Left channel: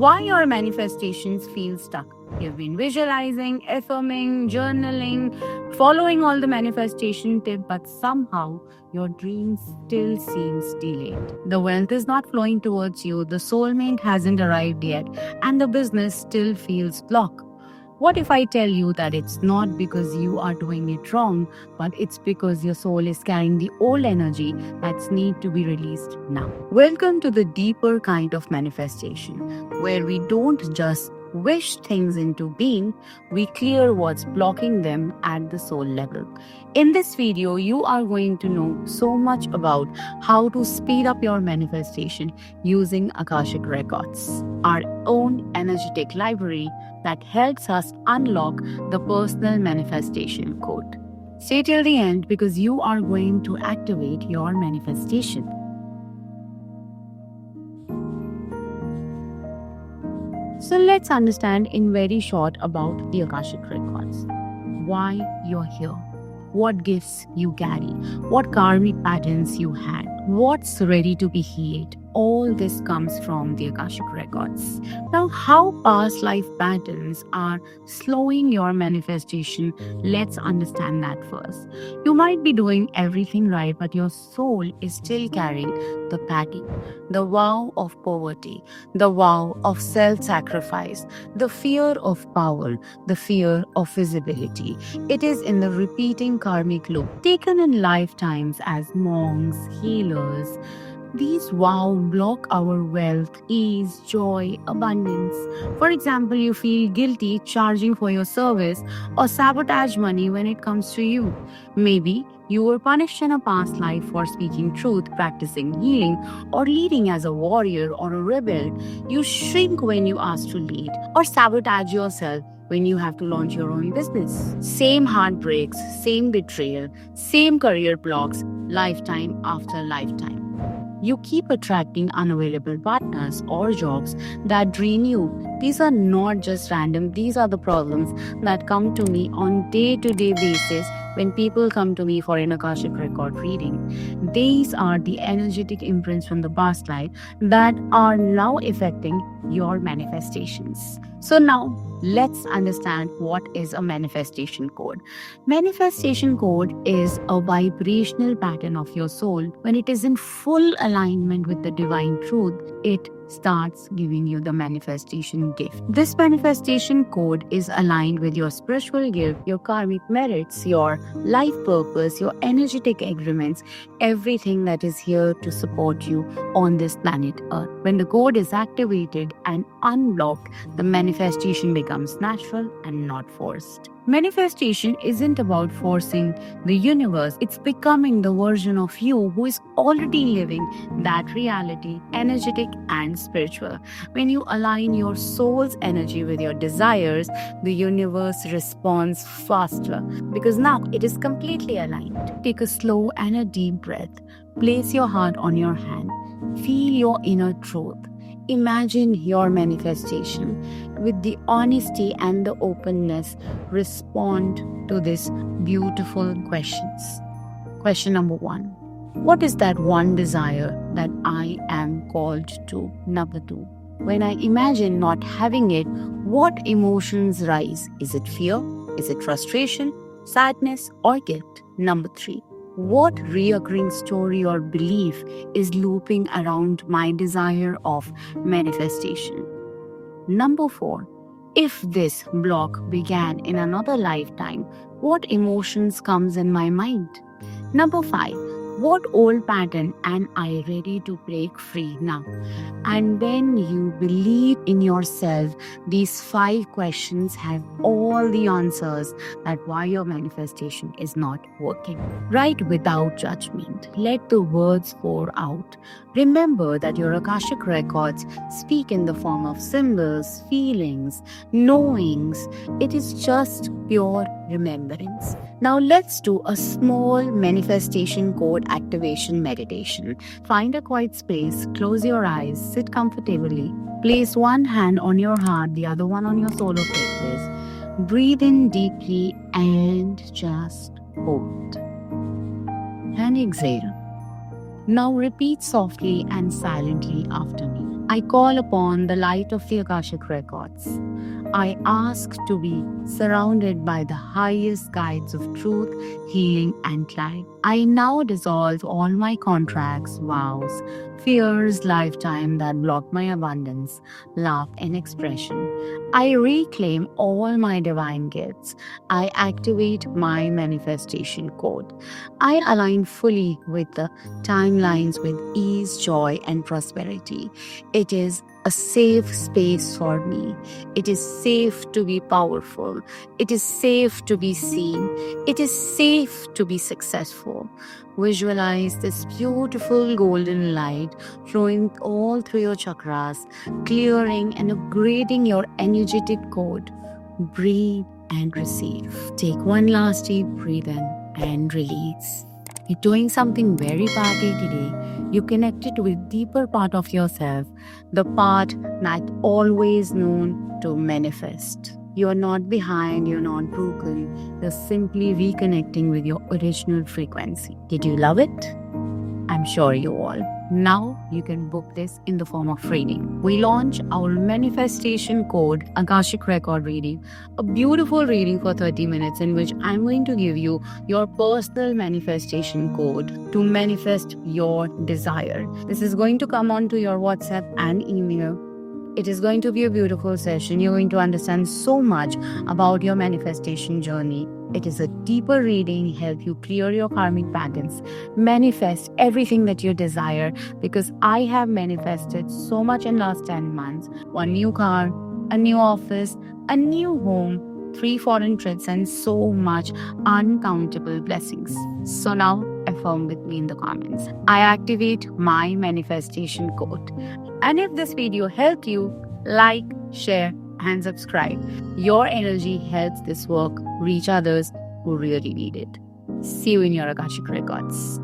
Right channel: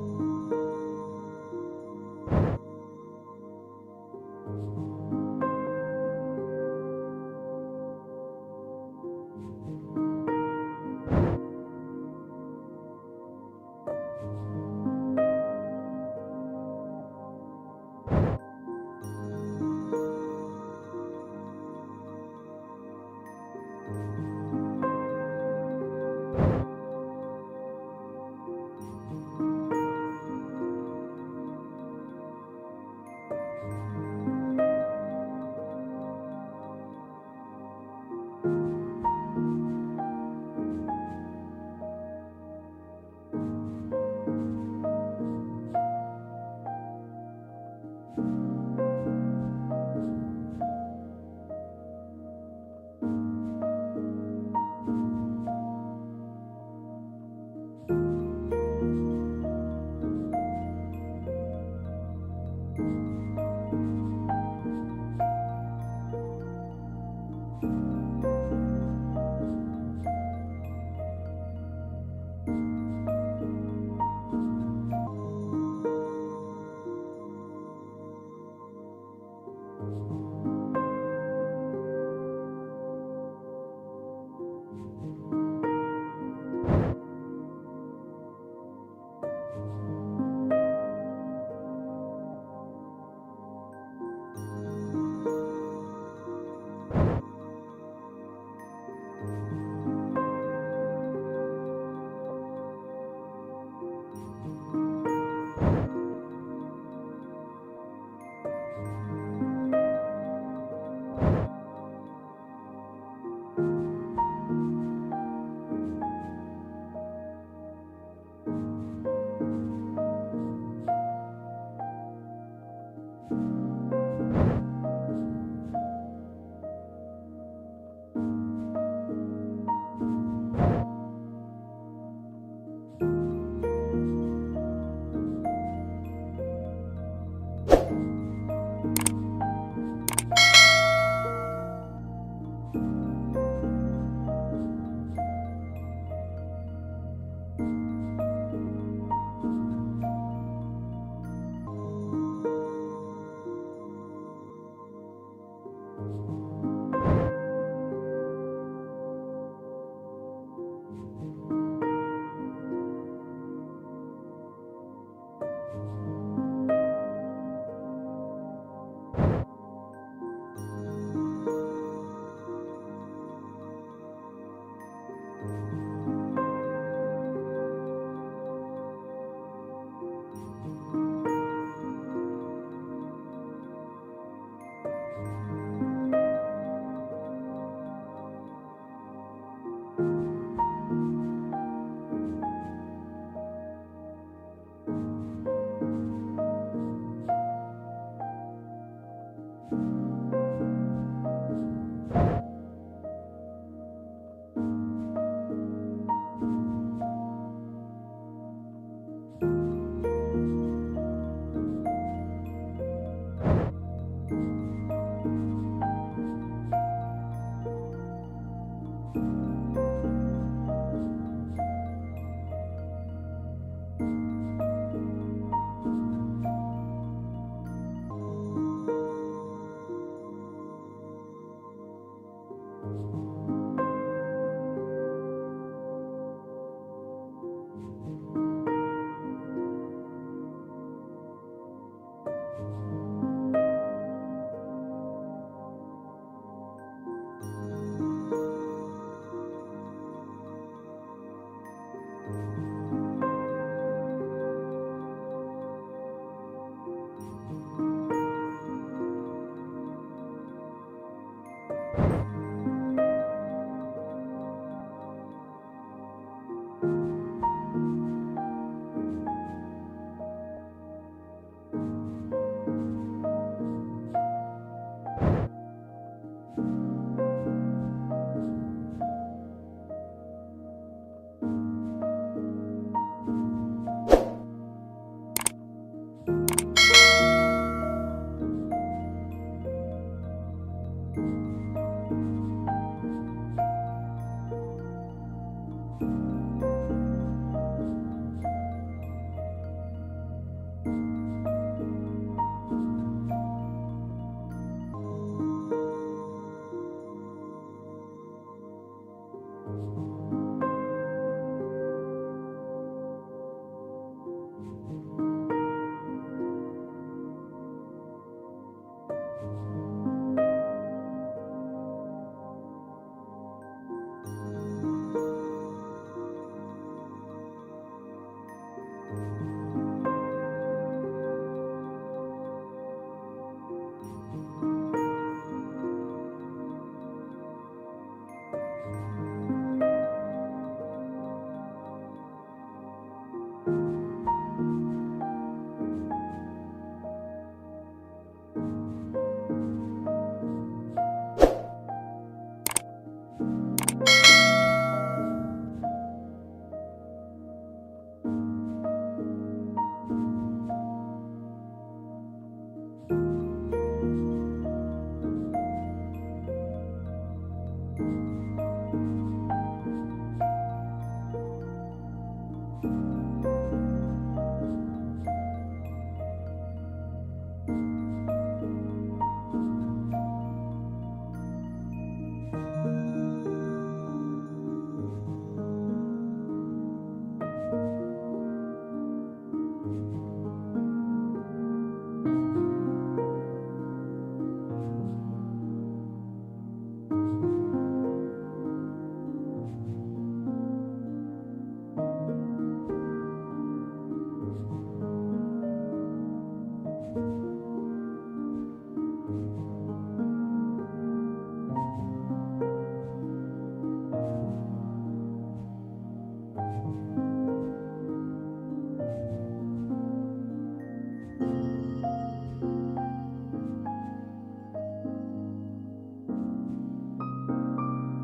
why your manifestations feel stuck. You've been visualizing, affirming, journaling, following all the manifestation tips, but somehow your dream still seems delayed. The wealth is not flowing towards you, the soulmate hasn't arrived yet, and the business still feels blocked. What if I tell you that it's not because you are doing it wrong, but it's because your soul is carrying the old energy that's need to be released now? Welcome to the deeper kind of manifestation, where we don't just wish things into being, we clear what's blocking them at the soul level. In this video, you are going to know so much about how to speed up your manifestation using Akashic Records, our own energetic library that helps us unlock the personal manifestation code. Stay till the end because you are going to activate your manifestation. So let's understand in very short about the Akashic Records. Why you're here, what gifts you carry, what karmic patterns you had, what's ready to be healed. All this comes from the Akashic Records. Now, how past life patterns are slowing your manifestation, let's understand that first. You might be doing everything right, but your soul is still carrying the pattern, the vow of poverty, the vow of self sacrifice, the fear of power, the fear of visibility. It is in the repeating karmic loop taken in lifetimes as monks, healers. These vows block our wealth, ease, joy, abundance. For example, you feel guilty charging for your service or sabotage money when it comes to you. Maybe you were punished in a past life for speaking truth, practicing healing, or leading as a warrior or a rebel. You shrink when you ask to lead, or sabotage yourself when you have to launch your own business. Same heartbreaks, same betrayal, same career blocks, lifetime after lifetime. You keep attracting unavailable partners or jobs that drain you. These are not just random, these are the problems that come to me on day-to-day basis when people come to me for an Akashic record reading. These are the energetic imprints from the past life that are now affecting your manifestations. So now let's understand what is a manifestation code. Manifestation code is a vibrational pattern of your soul. When it is in full alignment with the divine truth, it starts giving you the manifestation gift. This manifestation code is aligned with your spiritual gift, your karmic merits, your life purpose, your energetic agreements, everything that is here to support you on this planet Earth. When the code is activated and unblocked, the manifestation becomes natural and not forced. Manifestation isn't about forcing the universe, it's becoming the version of you who is already living that reality, energetic and spiritual. When you align your soul's energy with your desires, the universe responds faster because now it is completely aligned. Take a slow and a deep breath. Place your heart on your hand. Feel your inner truth. Imagine your manifestation. With the honesty and the openness, respond to these beautiful questions. Question number 1. What is that one desire that I am called to? Number 2. When I imagine not having it, what emotions rise? Is it fear? Is it frustration, sadness, or guilt? Number 3. What reoccurring story or belief is looping around my desire of manifestation? Number 4. If this block began in another lifetime, what emotions comes in my mind? Number 5. What old pattern am I ready to break free now? And when you believe in yourself, these 5 questions have all the answers that why your manifestation is not working. Write without judgment. Let the words pour out. Remember that your Akashic records speak in the form of symbols, feelings, knowings. It is just pure remembrance. Now let's do a small manifestation code activation meditation. Find a quiet space, close your eyes, sit comfortably. Place one hand on your heart, the other one on your solar plexus. Breathe in deeply and just hold. And exhale. Now repeat softly and silently after me. I call upon the light of the Akashic Records. I ask to be surrounded by the highest guides of truth, healing, and light. I now dissolve all my contracts, vows, fears, lifetime that block my abundance, love, and expression. I reclaim all my divine gifts. I activate my manifestation code. I align fully with the timelines with ease, joy, and prosperity. It is a safe space for me. It is safe to be powerful. It is safe to be seen. It is safe to be successful. Visualize this beautiful golden light flowing all through your chakras, clearing and upgrading your energetic code. Breathe and receive. Take one last deep breath in and release. You're doing something very powerful today. You connected with deeper part of yourself, the part that always known to manifest. You're not behind, you're not broken, you're simply reconnecting with your original frequency. Did you love it? I'm sure you all. Now you can book this in the form of reading. We launch our manifestation code, Akashic Record reading, a beautiful reading for 30 minutes in which I'm going to give you your personal manifestation code to manifest your desire. This is going to come onto your WhatsApp and email. It is going to be a beautiful session. You're going to understand so much about your manifestation journey. It is a deeper reading, help you clear your karmic patterns, manifest everything that you desire, because I have manifested so much in last 10 months. One new car, a new office, a new home, 3 foreign trips, and so much uncountable blessings. So now affirm with me in the comments. I activate my manifestation code. And if this video helped you, like, share, and subscribe. Your energy helps this work reach others who really need it. See you in your Akashic Records.